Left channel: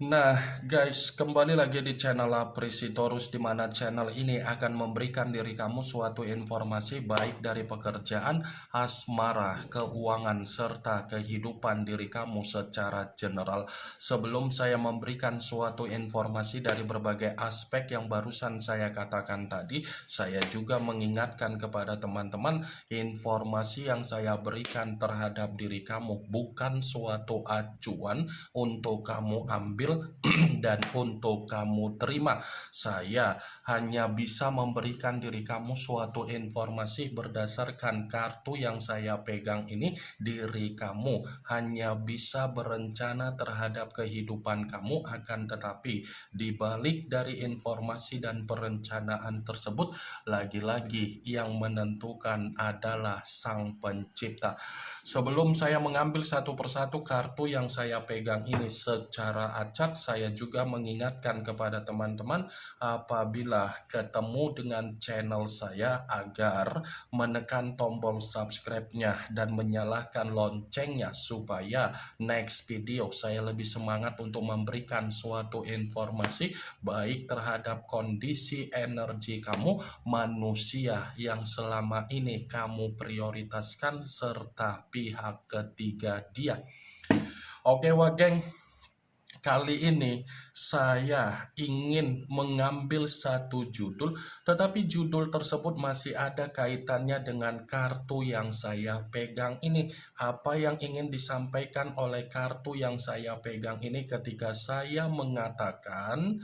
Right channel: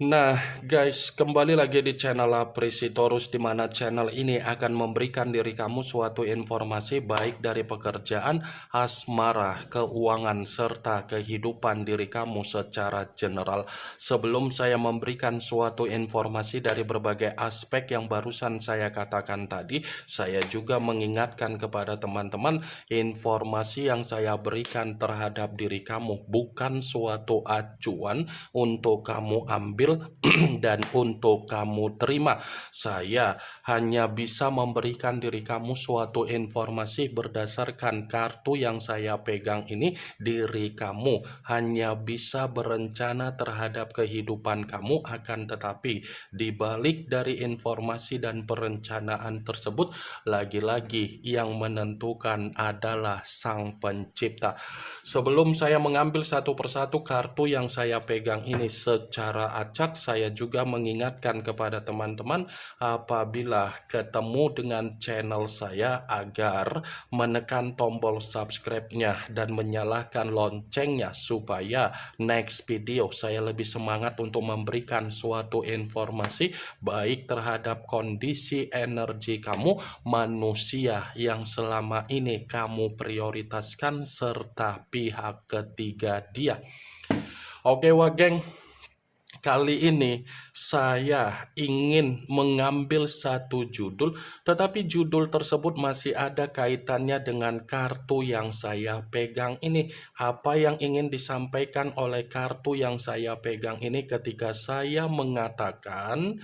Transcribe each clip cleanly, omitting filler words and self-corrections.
Nah, guys, kembali lagi di channel Apresitorus, di mana channel ini akan memberikan diri kamu suatu informasi baik dari pekerjaan, asmara, keuangan, serta kehidupan diri kamu secara general. Sebelum saya memberikan suatu informasi dari berbagai aspek yang barusan saya katakan tadi, saya juga mengingatkan kepada teman-teman, informasi yang saya berikan terhadap diri kamu bukan suatu acuan untuk kamu ambil dan untuk kamu terima. Saya hanya bisa memberikan diri kamu suatu informasi berdasarkan kartu yang saya pegang ini. Diri kamu hanya bisa berencana terhadap kehidupan kamu, akan tetapi di balik dari informasi dan perencanaan tersebut, lagi-lagi yang menentukan adalah Sang Pencipta. Sebelum saya mengambil satu persatu kartu yang saya pegang ini secara acak, saya juga mengingatkan kepada teman-teman apabila ketemu dengan channel saya agar menekan tombol subscribe-nya dan menyalakan loncengnya supaya next video saya lebih semangat untuk memberikan suatu informasi baik terhadap kondisi energi kamu, manusia yang selama ini kamu prioritaskan, serta pihak ketiga dia. Oke wah geng, kali ini saya ingin mengambil satu judul, tetapi judul tersebut masih ada kaitannya dengan kartu yang saya pegang ini. Apa yang ingin disampaikan oleh kartu yang saya pegang ini ketika saya mengatakan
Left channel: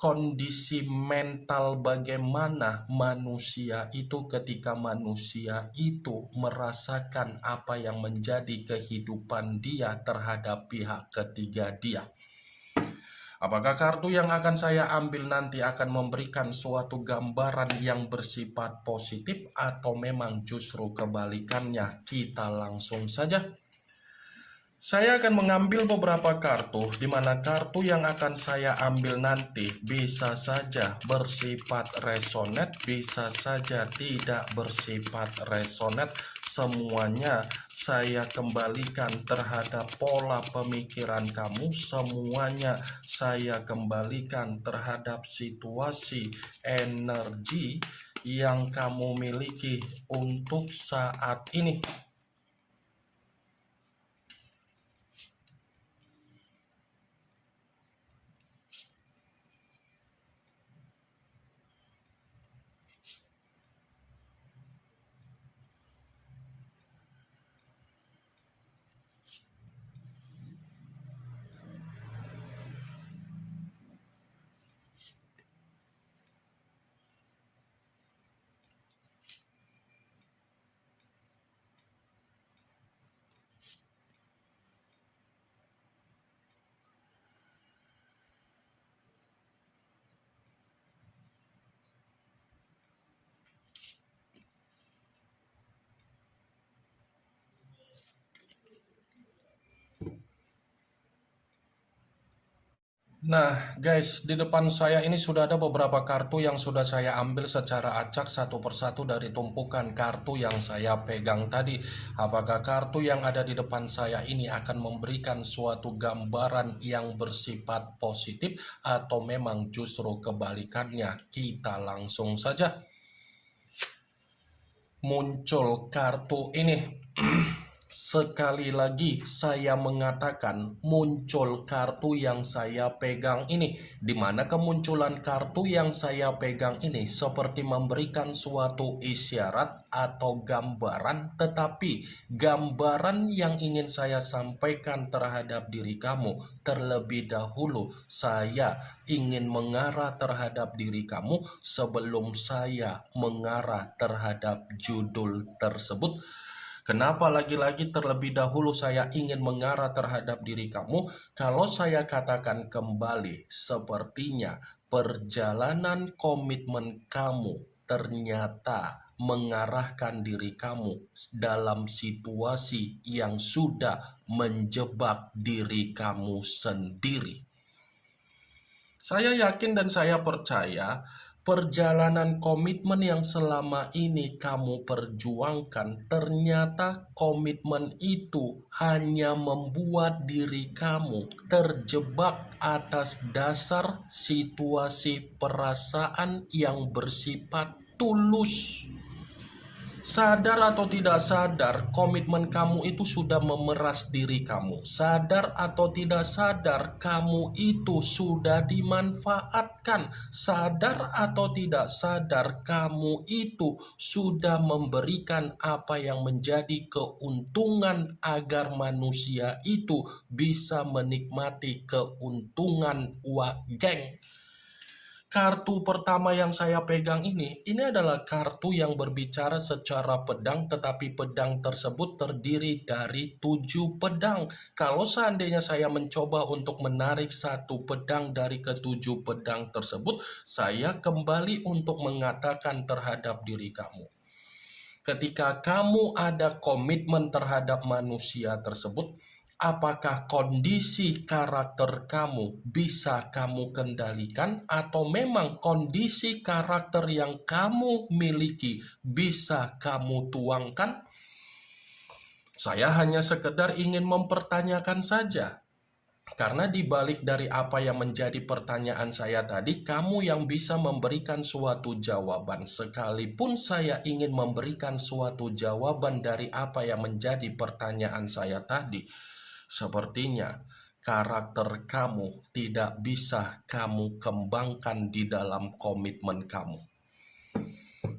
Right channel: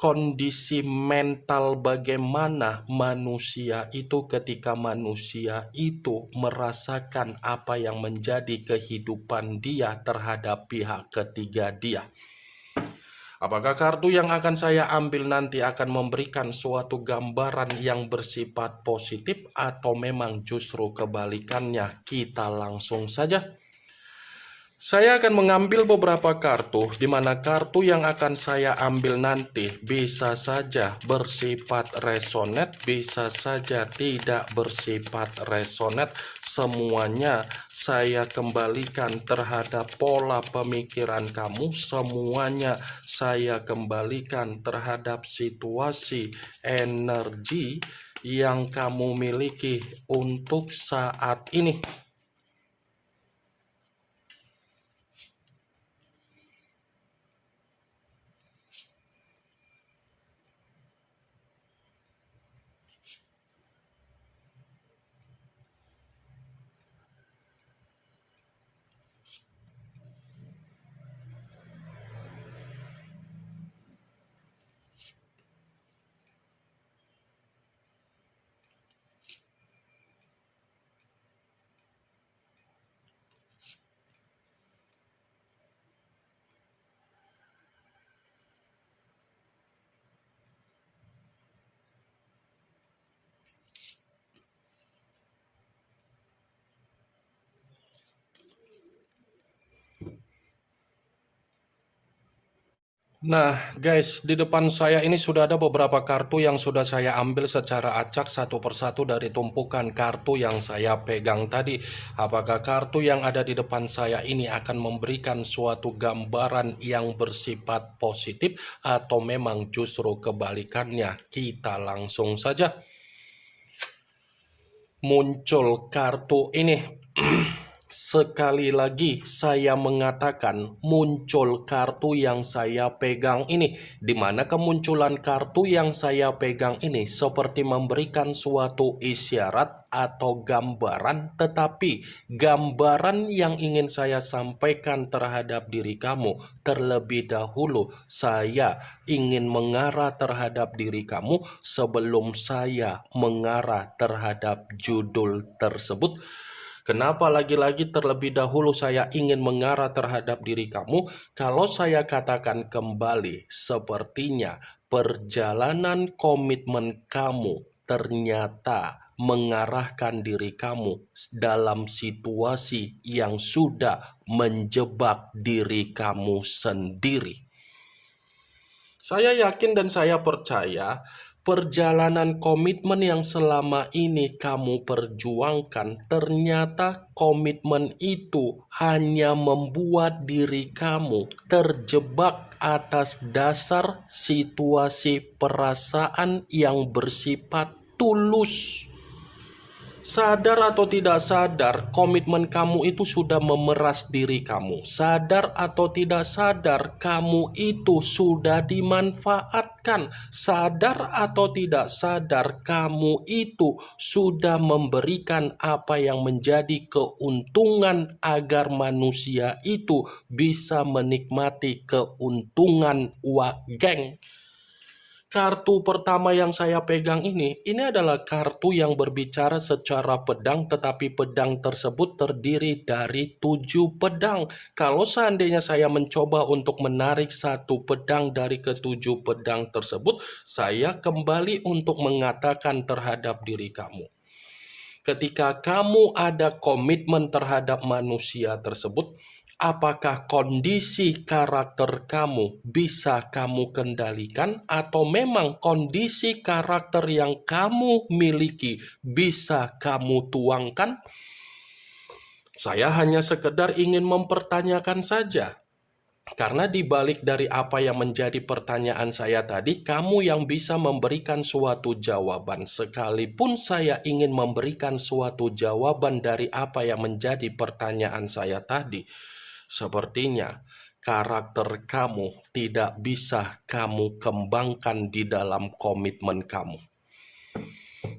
kondisi mental bagaimana manusia itu ketika manusia itu merasakan apa yang menjadi kehidupan dia terhadap pihak ketiga dia. Apakah kartu yang akan saya ambil nanti akan memberikan suatu gambaran yang bersifat positif atau memang justru kebalikannya? Kita langsung saja. Saya akan mengambil beberapa kartu, di mana kartu yang akan saya ambil nanti bisa saja bersifat resonate, bisa saja tidak bersifat resonate. Semuanya saya kembalikan terhadap pola pemikiran kamu, semuanya saya kembalikan terhadap situasi energi yang kamu miliki untuk saat ini. Nah guys, di depan saya ini sudah ada beberapa kartu yang sudah saya ambil secara acak satu persatu dari tumpukan kartu yang saya pegang tadi. Apakah kartu yang ada di depan saya ini akan memberikan suatu gambaran yang bersifat positif atau memang justru kebalikannya? Kita langsung saja. Muncul kartu ini. Sekali lagi saya mengatakan muncul kartu yang saya pegang ini, di mana kemunculan kartu yang saya pegang ini seperti memberikan suatu isyarat atau gambaran, tetapi gambaran yang ingin saya sampaikan terhadap diri kamu terlebih dahulu, saya ingin mengarah terhadap diri kamu sebelum saya mengarah terhadap judul tersebut. Kenapa lagi-lagi terlebih dahulu saya ingin mengarah terhadap diri kamu? Kalau saya katakan kembali, sepertinya perjalanan komitmen kamu ternyata mengarahkan diri kamu dalam situasi yang sudah menjebak diri kamu sendiri. Saya yakin dan saya percaya Perjalanan komitmen yang selama ini kamu perjuangkan, ternyata komitmen itu hanya membuat diri kamu terjebak atas dasar situasi perasaan yang bersifat tulus. Sadar atau tidak sadar, komitmen kamu itu sudah memeras diri kamu. Sadar atau tidak sadar, kamu itu sudah dimanfaatkan. Sadar atau tidak sadar, kamu itu sudah memberikan apa yang menjadi keuntungan agar manusia itu bisa menikmati keuntungan. Wah, geng. Kartu pertama yang saya pegang ini adalah kartu yang berbicara secara pedang, tetapi pedang tersebut terdiri dari 7 pedang. Kalau seandainya saya mencoba untuk menarik satu pedang dari ketujuh pedang tersebut, saya kembali untuk mengatakan terhadap diri kamu. Ketika kamu ada komitmen terhadap manusia tersebut, apakah kondisi karakter kamu bisa kamu kendalikan, atau memang kondisi karakter yang kamu miliki bisa kamu tuangkan? Saya hanya sekedar ingin mempertanyakan saja. Karena di balik dari apa yang menjadi pertanyaan saya tadi, kamu yang bisa memberikan suatu jawaban. Sekalipun saya ingin memberikan suatu jawaban dari apa yang menjadi pertanyaan saya tadi, sepertinya karakter kamu tidak bisa kamu kembangkan di dalam komitmen kamu.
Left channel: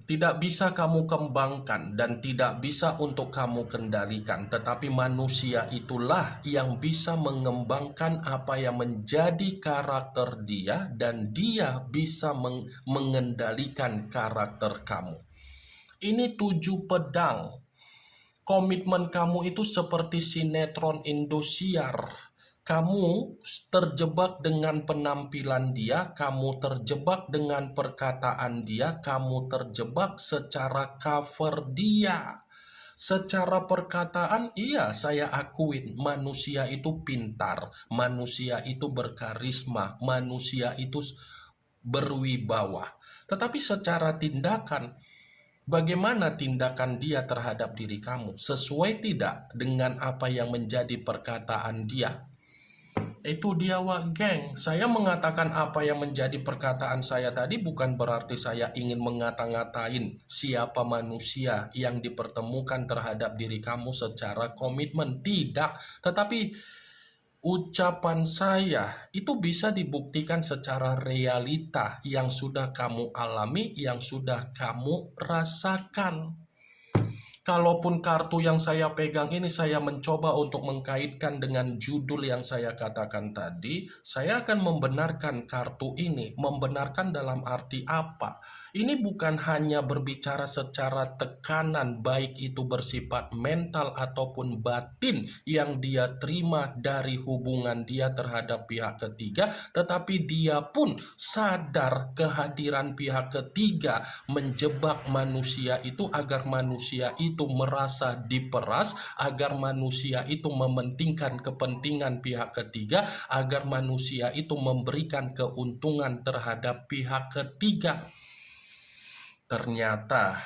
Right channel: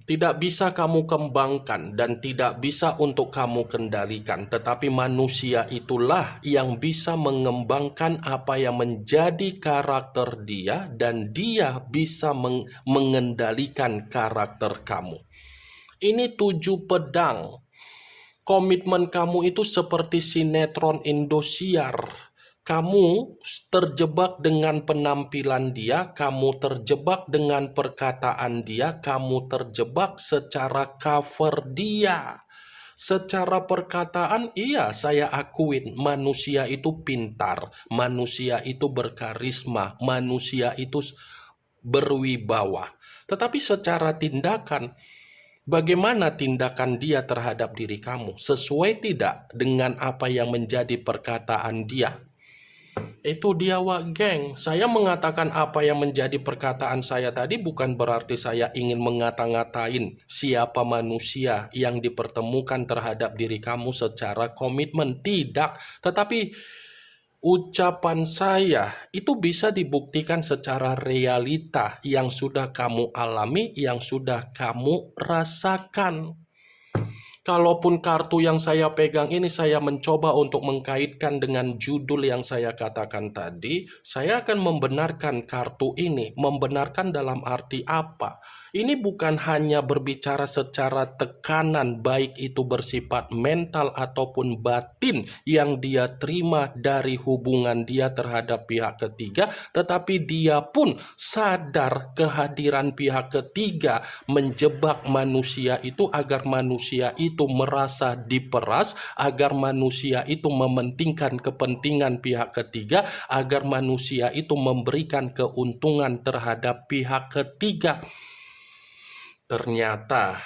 Tidak bisa kamu kembangkan dan tidak bisa untuk kamu kendalikan, tetapi manusia itulah yang bisa mengembangkan apa yang menjadi karakter dia, dan dia bisa mengendalikan karakter kamu. Ini 7 pedang. Komitmen kamu itu seperti sinetron Indosiar. Kamu terjebak dengan penampilan dia, kamu terjebak dengan perkataan dia, kamu terjebak secara cover dia. Secara perkataan, iya, saya akuin manusia itu pintar, manusia itu berkarisma, manusia itu berwibawa. Tetapi secara tindakan, bagaimana tindakan dia terhadap diri kamu? Sesuai tidak dengan apa yang menjadi perkataan dia? Itu dia, wak geng. Saya mengatakan apa yang menjadi perkataan saya tadi bukan berarti saya ingin ngata-ngatain siapa manusia yang dipertemukan terhadap diri kamu secara komitmen. Tidak. Tetapi ucapan saya itu bisa dibuktikan secara realita yang sudah kamu alami, yang sudah kamu rasakan. Kalaupun kartu yang saya pegang ini saya mencoba untuk mengkaitkan dengan judul yang saya katakan tadi, saya akan membenarkan kartu ini. Membenarkan dalam arti apa? Ini bukan hanya berbicara secara tekanan, baik itu bersifat mental ataupun batin yang dia terima dari hubungan dia terhadap pihak ketiga, tetapi dia pun sadar kehadiran pihak ketiga menjebak manusia itu agar manusia itu merasa diperas, agar manusia itu mementingkan kepentingan pihak ketiga, agar manusia itu memberikan keuntungan terhadap pihak ketiga. Ternyata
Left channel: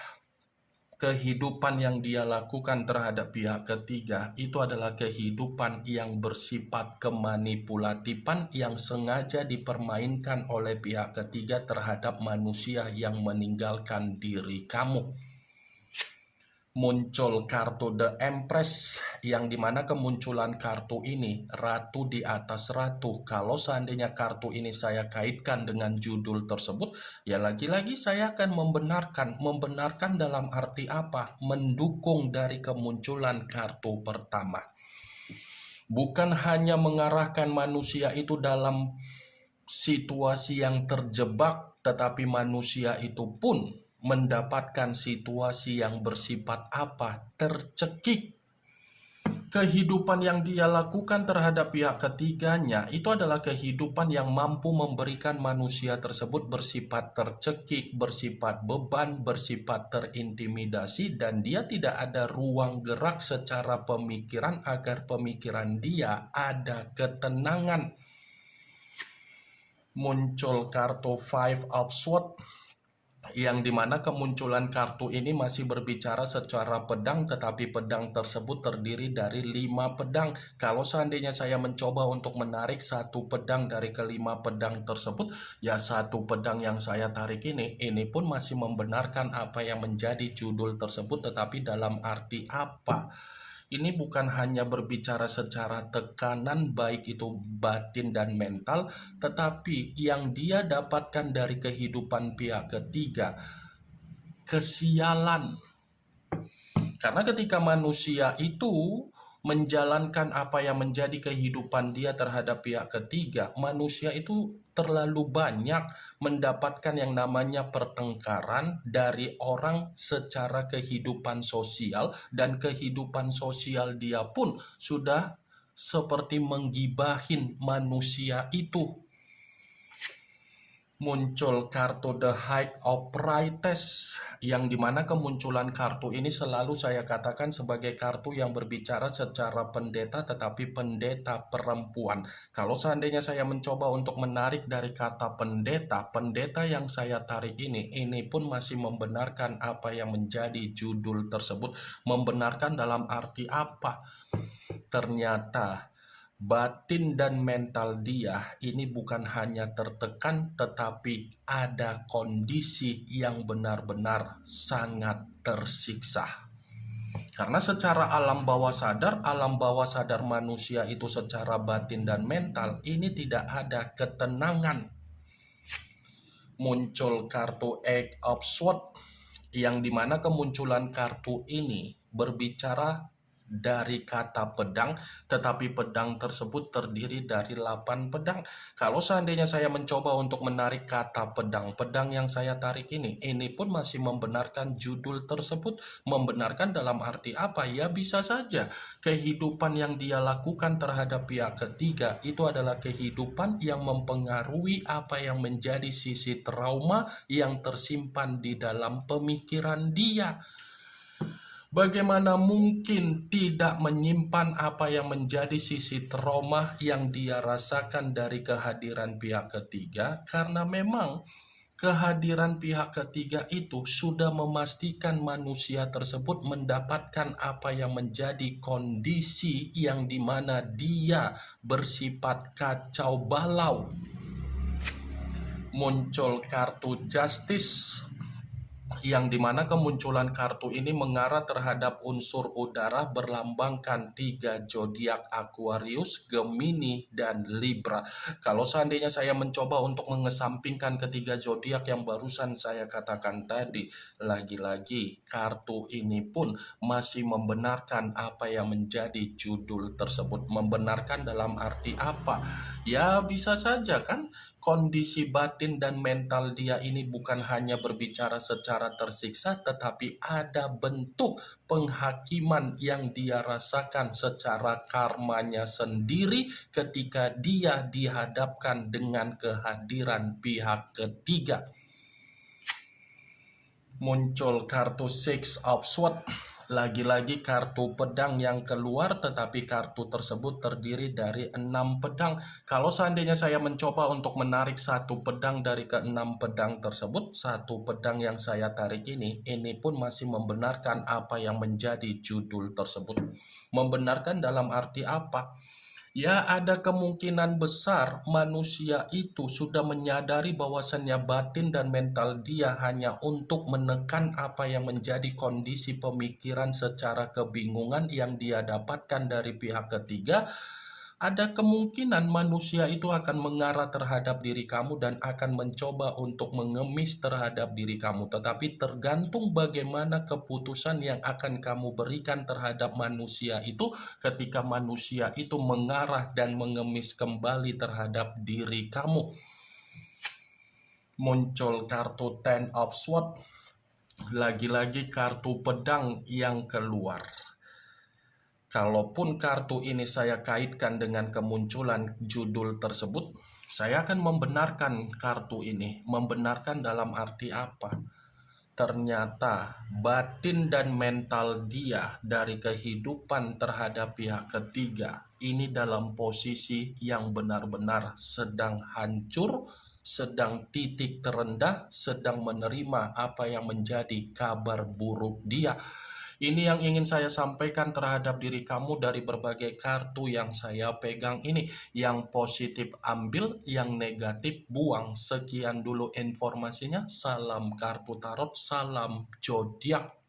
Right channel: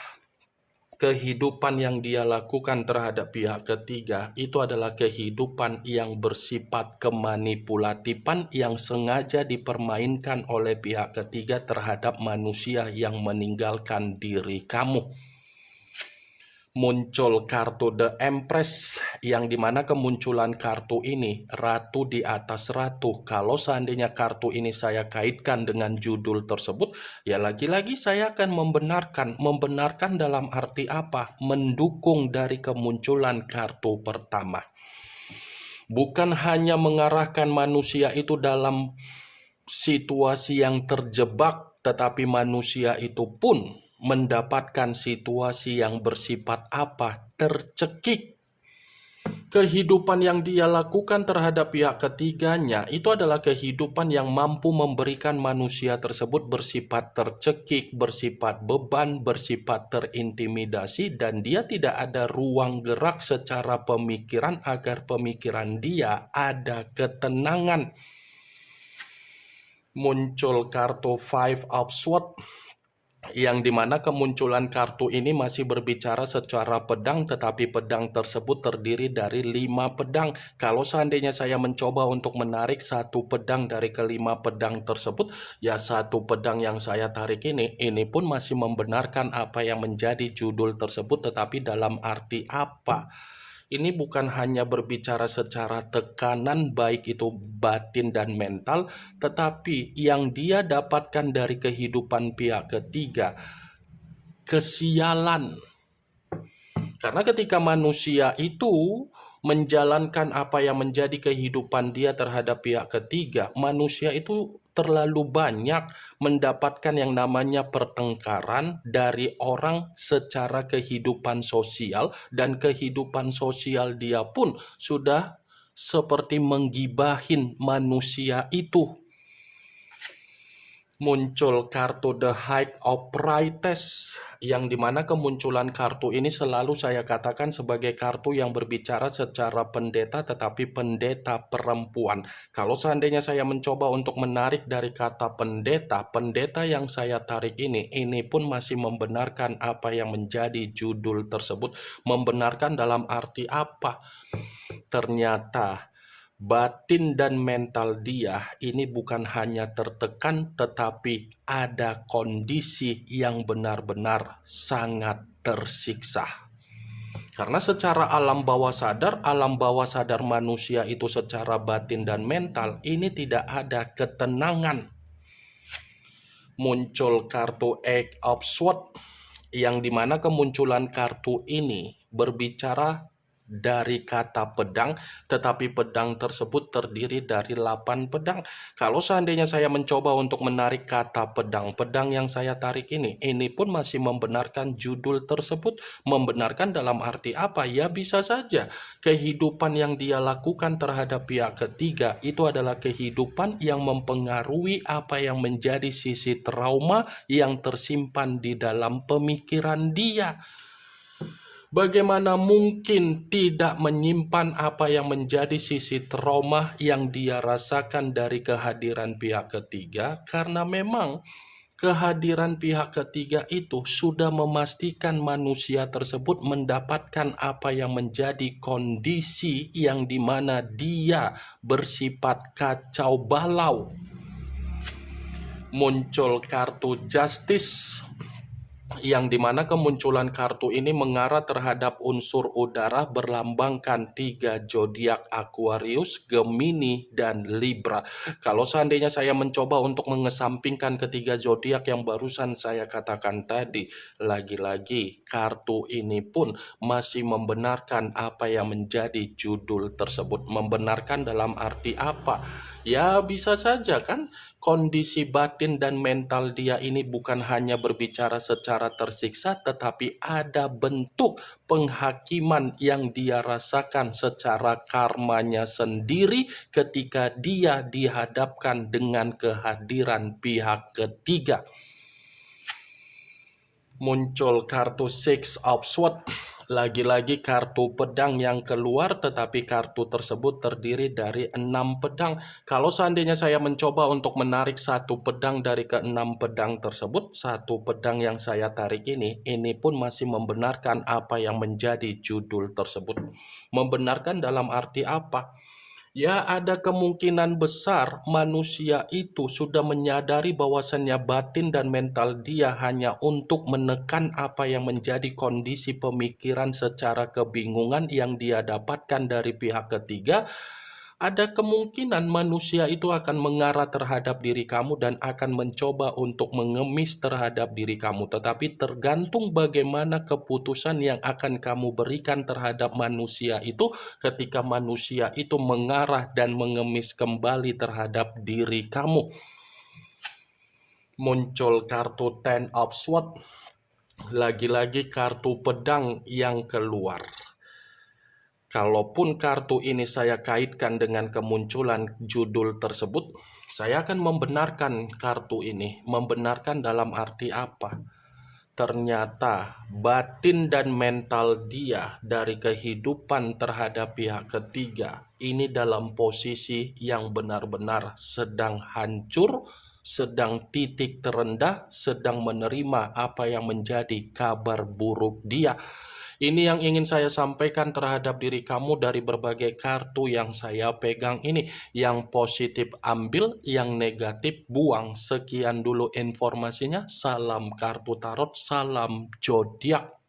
kehidupan yang dia lakukan terhadap pihak ketiga itu adalah kehidupan yang bersifat kemanipulatifan yang sengaja dipermainkan oleh pihak ketiga terhadap manusia yang meninggalkan diri kamu. Muncul kartu The Empress, yang dimana kemunculan kartu ini ratu di atas ratu. Kalau seandainya kartu ini saya kaitkan dengan judul tersebut, ya lagi-lagi saya akan membenarkan dalam arti apa? Mendukung dari kemunculan kartu pertama. Bukan hanya mengarahkan manusia itu dalam situasi yang terjebak, tetapi manusia itu pun mendapatkan situasi yang bersifat apa? Tercekik. Kehidupan yang dia lakukan terhadap pihak ketiganya itu adalah kehidupan yang mampu memberikan manusia tersebut bersifat tercekik, bersifat beban, bersifat terintimidasi, dan dia tidak ada ruang gerak secara pemikiran agar pemikiran dia ada ketenangan. Muncul kartu Five of Swords. yang dimana kemunculan kartu ini masih berbicara secara pedang, tetapi pedang tersebut terdiri dari 5 pedang. Kalau seandainya saya mencoba untuk menarik satu pedang dari kelima pedang tersebut, ya satu pedang yang saya tarik ini pun masih membenarkan apa yang menjadi judul tersebut, tetapi dalam arti apa? Ini bukan hanya berbicara secara tekanan, baik itu batin dan mental, tetapi yang dia dapatkan dari kehidupan pihak ketiga, kesialan. Karena ketika manusia itu menjalankan apa yang menjadi kehidupan dia terhadap pihak ketiga, manusia itu terlalu banyak mendapatkan yang namanya pertengkaran dari orang secara kehidupan sosial, dan kehidupan sosial dia pun sudah seperti menggibahin manusia itu. Muncul kartu The High of Priestess, yang dimana kemunculan kartu ini selalu saya katakan sebagai kartu yang berbicara secara pendeta, tetapi pendeta perempuan. Kalau seandainya saya mencoba untuk menarik dari kata pendeta, pendeta yang saya tarik ini pun masih membenarkan apa yang menjadi judul tersebut. Membenarkan dalam arti apa? Ternyata batin dan mental dia ini bukan hanya tertekan, tetapi ada kondisi yang benar-benar sangat tersiksa. Karena secara alam bawah sadar manusia itu secara batin dan mental ini tidak ada ketenangan. Muncul kartu Eight of Swords, yang dimana kemunculan kartu ini berbicara dari kata pedang, tetapi pedang tersebut terdiri dari 8 pedang. Kalau seandainya saya mencoba untuk menarik kata pedang, pedang yang saya tarik ini pun masih membenarkan judul tersebut. Membenarkan dalam arti apa? Ya bisa saja kehidupan yang dia lakukan terhadap pihak ketiga itu adalah kehidupan yang mempengaruhi apa yang menjadi sisi trauma yang tersimpan di dalam pemikiran dia. Bagaimana mungkin tidak menyimpan apa yang menjadi sisi trauma yang dia rasakan dari kehadiran pihak ketiga? Karena memang kehadiran pihak ketiga itu sudah memastikan manusia tersebut mendapatkan apa yang menjadi kondisi yang dimana dia bersifat kacau balau. Muncul kartu Justice, yang dimana kemunculan kartu ini mengarah terhadap unsur udara, berlambangkan 3 zodiak Aquarius, Gemini, dan Libra. Kalau seandainya saya mencoba untuk mengesampingkan ketiga zodiak yang barusan saya katakan tadi, lagi-lagi kartu ini pun masih membenarkan apa yang menjadi judul tersebut. Membenarkan dalam arti apa? Ya bisa saja kan, kondisi batin dan mental dia ini bukan hanya berbicara secara tersiksa, tetapi ada bentuk penghakiman yang dia rasakan secara karmanya sendiri ketika dia dihadapkan dengan kehadiran pihak ketiga. Muncul kartu Six of Swords, lagi-lagi kartu pedang yang keluar, tetapi kartu tersebut terdiri dari 6 pedang. Kalau seandainya saya mencoba untuk menarik satu pedang dari ke-6 pedang tersebut, satu pedang yang saya tarik ini pun masih membenarkan apa yang menjadi judul tersebut. Membenarkan dalam arti apa? Ya, ada kemungkinan besar manusia itu sudah menyadari bahwasannya batin dan mental dia hanya untuk menekan apa yang menjadi kondisi pemikiran secara kebingungan yang dia dapatkan dari pihak ketiga. Ada kemungkinan manusia itu akan mengarah terhadap diri kamu dan akan mencoba untuk mengemis terhadap diri kamu. Tetapi tergantung bagaimana keputusan yang akan kamu berikan terhadap manusia itu ketika manusia itu mengarah dan mengemis kembali terhadap diri kamu. Muncul kartu Ten of Swords, lagi-lagi kartu pedang yang keluar. Kalaupun kartu ini saya kaitkan dengan kemunculan judul tersebut, saya akan membenarkan kartu ini. Membenarkan dalam arti apa? Ternyata batin dan mental dia dari kehidupan terhadap pihak ketiga ini dalam posisi yang benar-benar sedang hancur, sedang titik terendah, sedang menerima apa yang menjadi kabar buruk dia. Ini yang ingin saya sampaikan terhadap diri kamu dari berbagai kartu yang saya pegang ini. Yang positif ambil, yang negatif buang. Sekian dulu informasinya. Salam kartu tarot, salam zodiak.